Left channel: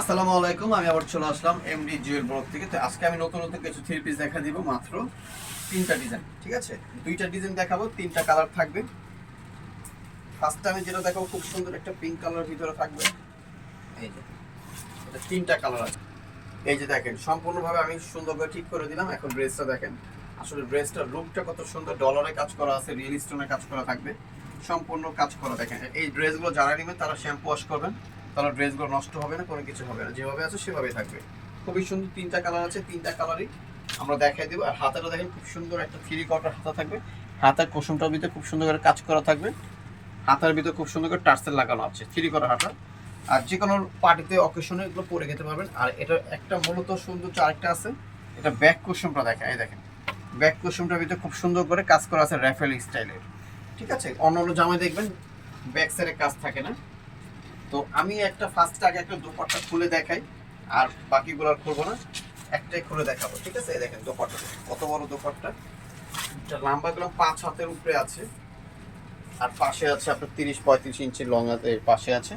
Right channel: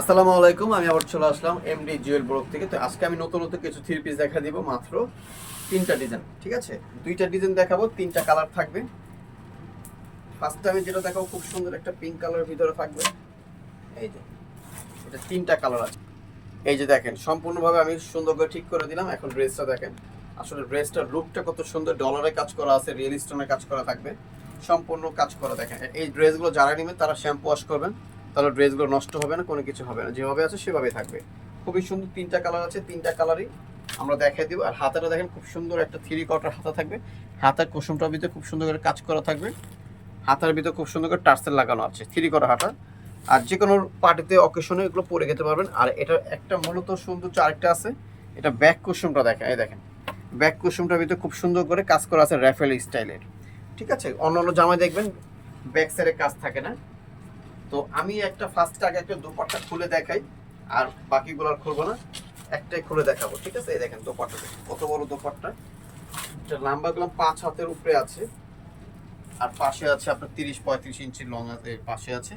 আসসালামু আলাইকুম, আমি আবার চলে আসলাম এমডি জুয়েল ব্লক থেকে। তো আজকে আমি নতুন নতুন কিছু থ্রি পিস দেখা দিব মাত্র তিনটা ডিজাইন ঠিক আছে? দুইটা ডিজাইন দেখাবো, তিনটা কালার থাকবে। ফার্স্টে আমি যেটা দেখাবো, খুব সুন্দর একটা পিঙ্ক কালার ভিতরে থাকবে। এই যে, এটা তিনটা কালার আছে। এই যে দেখেন, সম্পূর্ণভাবে আমি সুন্দর করে ঠিক করে দিলাম, এখন ড্রেসটা দেখেন। আসলে ড্রেসটার লুকটা কত সুন্দর ডলারে কাজ করা আছে রিয়েল স্টোনে কাজ করা থাকবে। সম্পূর্ণ কাজ করা, দেখেন। এই ড্রেসগুলো যারা নেবেন তারা শ্যাম্পু ওয়াশ করবেন। তাহলে ড্রেসগুলো নষ্ট হবে না, কোনো কিছু হবে না। যেভাবে আছে সেভাবেই থাকবে। খুবই সুন্দর তিনটা কালার আছে, তিনটা কালারই। আমরা দেখাই দিব। আর হাতাটা দেখেন, খুব সুন্দর একটা থ্রি কটার হাতা থাকবে। হাতার কুসুমটার ভিতরে খুব সুন্দর করে কাজ করা থাকবে। হাতার ভিতরে খুব সুন্দর করে টার্সেল লাগানো আছে থ্রি করা হাতা। আর যে কোনো পার্টিতে অকেশনে এগুলো পরে যেতে পারবেন। আর এটা একটা মূলত সৌন্দর্য আরেকটা আছে। এটা ব্যাক কুসুমটা দেখেন, এই দেখেন। ব্যাক কুসুমটার ভিতরে খুব সুন্দর করে কাজ করা আছে র্যাফেল স্টাইলের। ঠিক আছে? অন্য অন্য জামায় দেখবেন ব্যাক সাইডে কাজ থাকে না। তো আমি একটা ফার্স্ট আগে একটা দোপাট্টা খুলে দেখাই, আর বাকিগুলো আর খুলবো না। একটাই খুলে দেখাবো, ঠিক আছে? এই দেখেন দোপাট্টা, কত বড় দোপাট্টা। এটা লম্বাগুলো পাঁচ হাতের উপরে আছে। আর পাশে আছে আপনার তিরিশ পঁয়ত্রিশ ইঞ্চি লং আছে পাশে আছে।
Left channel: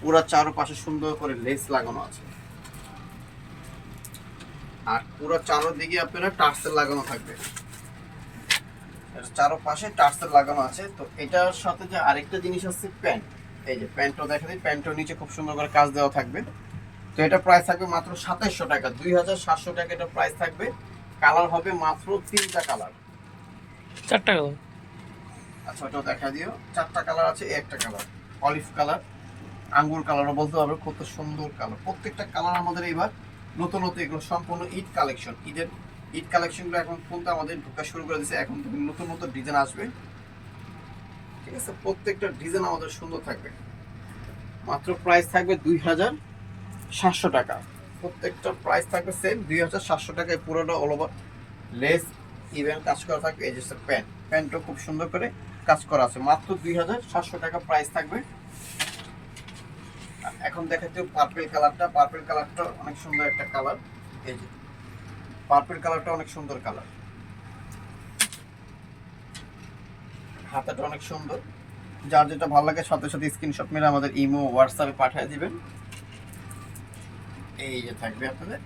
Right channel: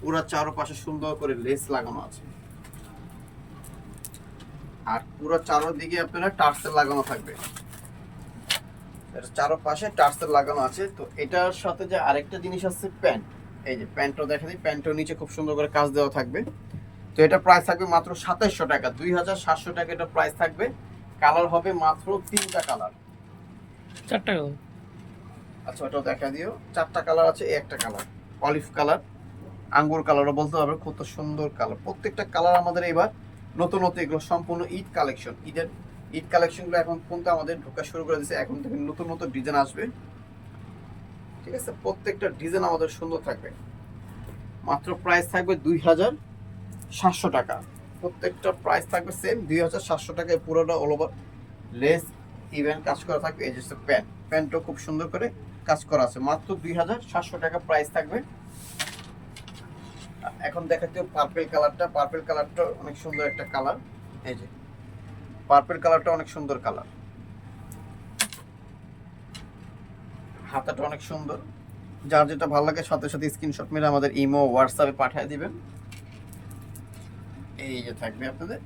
পুরা চারোপাশে সুন্দর করে লেস লাগানো আছে। আর পুরো চারোদিকে আপনারা টার্সেল লাগানো থাকবে। চারোপাশে টার্সেল লাগানো আছে। তো এটার সাথে যে আরেকটা জিনিস আছে, প্যান্ট। এই যে প্যান্টও দেখা দিই প্যান্টও নিচে খুব সুন্দর করে কাজ দেওয়া থাকবে। তো এটা প্রাইস থাকবে মাত্র সাতাইশশো টাকা দুই হাজার সাতশো টাকা এটা প্রাইস থাকবে। কালার হবে মাত্র তিনটা কালার চারটা কালার আচ্ছা ওটাও দেখা দিও। চারটা কালার আছে এই একটা কালার অলিভ কালার আঙ্গুর কালারও বলতে পারবে কত সুন্দর কালার প্রত্যেকটা কালার আমাদের এবার নতুন নতুন এগুলো সম্পূর্ণ ঈদ কালেকশন ঈদের ঈদ কালেকশনগুলো এখন কিন্তু আমাদের ঢোকা শুরু করে দিয়েছে এখন থেকে নতুন নতুন ডিজাইন আসবে। ঠিক আছে? প্রত্যেকটা ডিজাইন আমাদের সুন্দর থাকবে। মাত্র প্রাইস থাকবে দুই হাজার সাতশো টাকা। প্রত্যেকটা প্রাইস থাকবে সেম দুই হাজার সাতশো টাকায় পুরোটা অল ওভার লেস ইভেন কাজ করা থাকবে, এই যে প্যান্ট। প্যান্টও খুব সুন্দর করে কাজ করা আছে। মাত্র দুই হাজার সাতশো টাকা প্রাইস থাকবে। এখন দেখাতে পার্পেল কালারটা পার্পেল কালারটা অনেক সুন্দর একটা কালার এই যে পার্পেল কালারটা অনেক সুন্দর কালার হাতাটা অনেক সুন্দর। যার যেটা ভালো লাগে, সাথে সাথে স্ক্রিনশট মেরে আমাদের ইমো হোয়াটসঅ্যাপে পাঠিয়ে দিবেন। এই যে থাকবে আপনাদের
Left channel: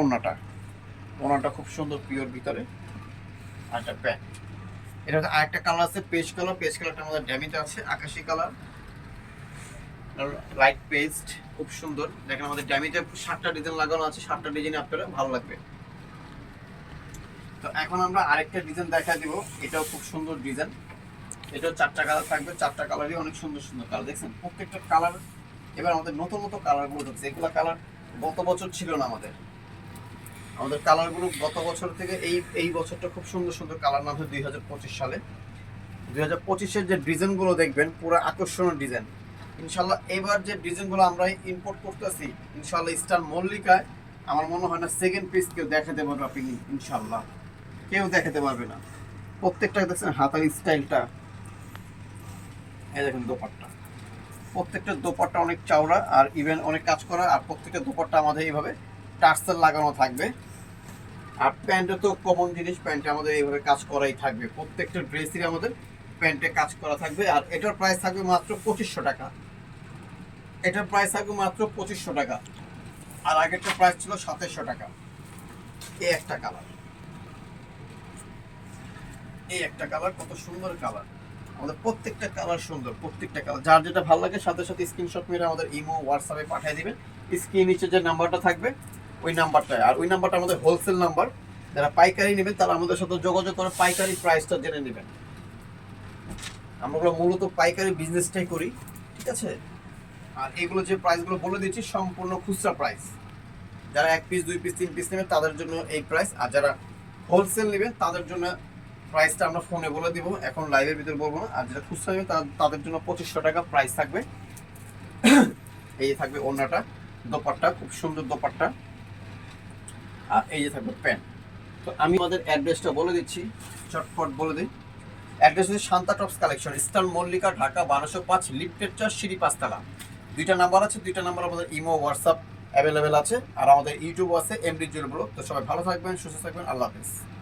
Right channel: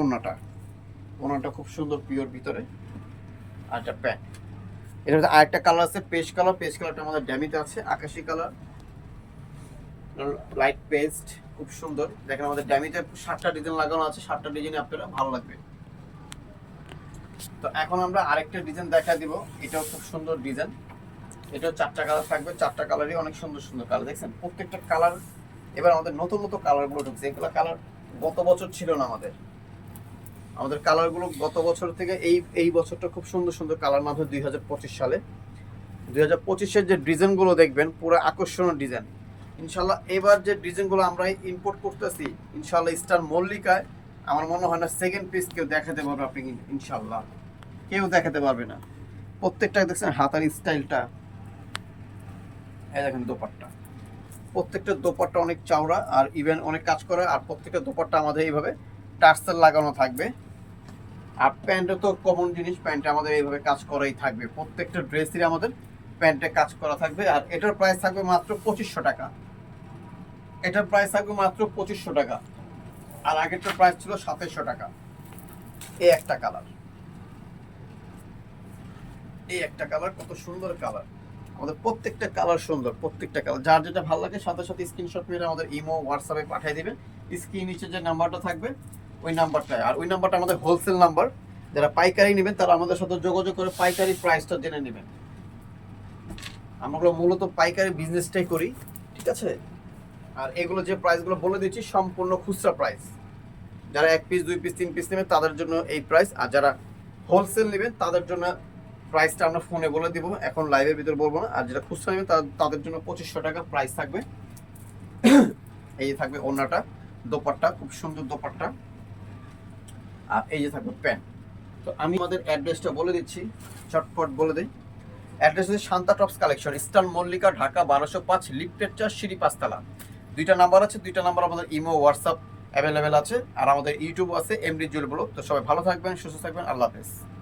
ওনাটা ওনাটা খুব সুন্দর পিওর ভিতরে। আর একটা প্যান্ট এটা হচ্ছে আরেকটা কালার আছে, পেস্ট কালার পেস্ট কালারটা আমাদের ড্যামিতে আছে, আকাশি কালার লাইট পেস্ট খুব সুন্দর। দেখেন আমাদের ড্যামিতে সাতটা ডিজাইন লাগানো আছে, সাতটা ডিজাইন আপনারা, ভালো লাগবে। তো এখন আমরা আরেকটা ডিজাইন দেখা দিব। এটাও খুব সুন্দর ডিজাইন এটাও চারটা কালার থাকবে। চারটা কালারই অনেক সুন্দর সুন্দর কালার দেখছেন? প্রত্যেকটা কালার এবার আমাদের নতুন নতুন কালারগুলো ঢুকছে এগুলো কালার গত বছর ছিল না আমাদের। আমাদের কালারগুলো গত বছর থেকে এই এই বছরটা খুব সুন্দর সুন্দর কালার নামছে দুই হাজার পঁচিশ সালে। দুই হাজার পঁচিশের যে ডিজাইনগুলো দেখবেন, পুরো আকর্ষণীয় ডিজাইন ইনশাল্লাহ এবার যে ডিজাইনগুলো আমরা ইম্পোর্ট করতেছি, ইনশাল্লাহ স্টার মল্লিকায় আমার মনে হয় না সেকেন্ড পিস কেউ দেখাতে পারবে আপনি ইনশাল্লাহ। কেউ দেখাতে পারবে না। প্রত্যেকটা দেখছেন হাতার স্টাইলটা। এই দেখেন দোপাট্টা। প্রত্যেকটা দোপাট্টা অনেক চওড়া আর ইভেন অনেক কাজ করা, আর প্রত্যেকটা দোপাট্টা আমাদের এইভাবে টার্সেল লাগানো থাকবে। আর প্যান্টে তো কমন জিনিস, প্যান্টে আমাদের এইভাবে কাজ করাই থাকবে। প্রত্যেকটা ড্রেসই আমাদের প্যান্টে কাজ করা থাকবে, আর এটার প্রাইস থাকবে মাত্র পঁচিশশো টাকা। এটার প্রাইস থাকবে মাত্র পঁচিশশো টাকা। আর আগেরটার প্রাইস ছিল সাতাইশশো টাকা। এই একটা কালার এই একটা কালার কত সুন্দর কালার আমাদের প্রত্যেকটা কালার সুন্দর, প্রত্যেকটা কালার যার যেটা ভালো লাগে, সাথে সাথে স্ক্রিনশট মেরে আমাদের ইমো হোয়াটসঅ্যাপে পাঠিয়ে দিবেন। স্ক্রিন নিচে যে নাম্বারটা থাকবে, ওই নাম্বারটায় আর ওই নাম্বারটা আমাদের হোলসেল নাম্বার যারা পাইকারি নেবেন, তারা আমাদের সাথে যোগাযোগ করে পাইকারি প্রাইসটা জেনে নেবেন। আমরা মূলত পাইকারি বিজনেসটাই করি, ঠিক আছে? আর এগুলো যে প্রাইসগুলো বলে দিচ্ছি, সম্পূর্ণ খুচরা প্রাইস যারা এক পিস দুই পিস তিন পিস নেবেন, তাদের জন্য এই প্রাইস আর যারা হোলসেল নেবেন, তাদের জন্য প্রাইসটা আমরা ফোনে বলে দিব। এখন লাইভের ভিতরে বলব না। আর যেটা খুচরা নেবেন তা- তাদের জন্য পঁচিশশো টাকা প্রাইস থাকবে। এই যে থাকবে ওড়নাটা, দোপাট্টা, খুব সুন্দর দোপাট্টা। আর এই যে থাকবে প্যান্ট। তো আমি আমাদের অ্যাড্রেসটা বলে দিচ্ছি। চটপট বলে দিই। অ্যাড্রেস হচ্ছে Shanta tops collection, eastern Mallika, Dhaka, বারোশো পাঁচ, লিফটের চার, সিঁড়ি পাঁচতলা। দুইটা নাম্বার আছে, দুইটা নাম্বার আমাদের ইমো হোয়াটসঅ্যাপ অ্যাভেলেবেল আছে। আর আমাদের ইউটিউব আছে এমডি জুয়েল ব্লগ তো সবাই ভালো থাকবেন, সুস্থ থাকবেন। আল্লাহ হাফেজ।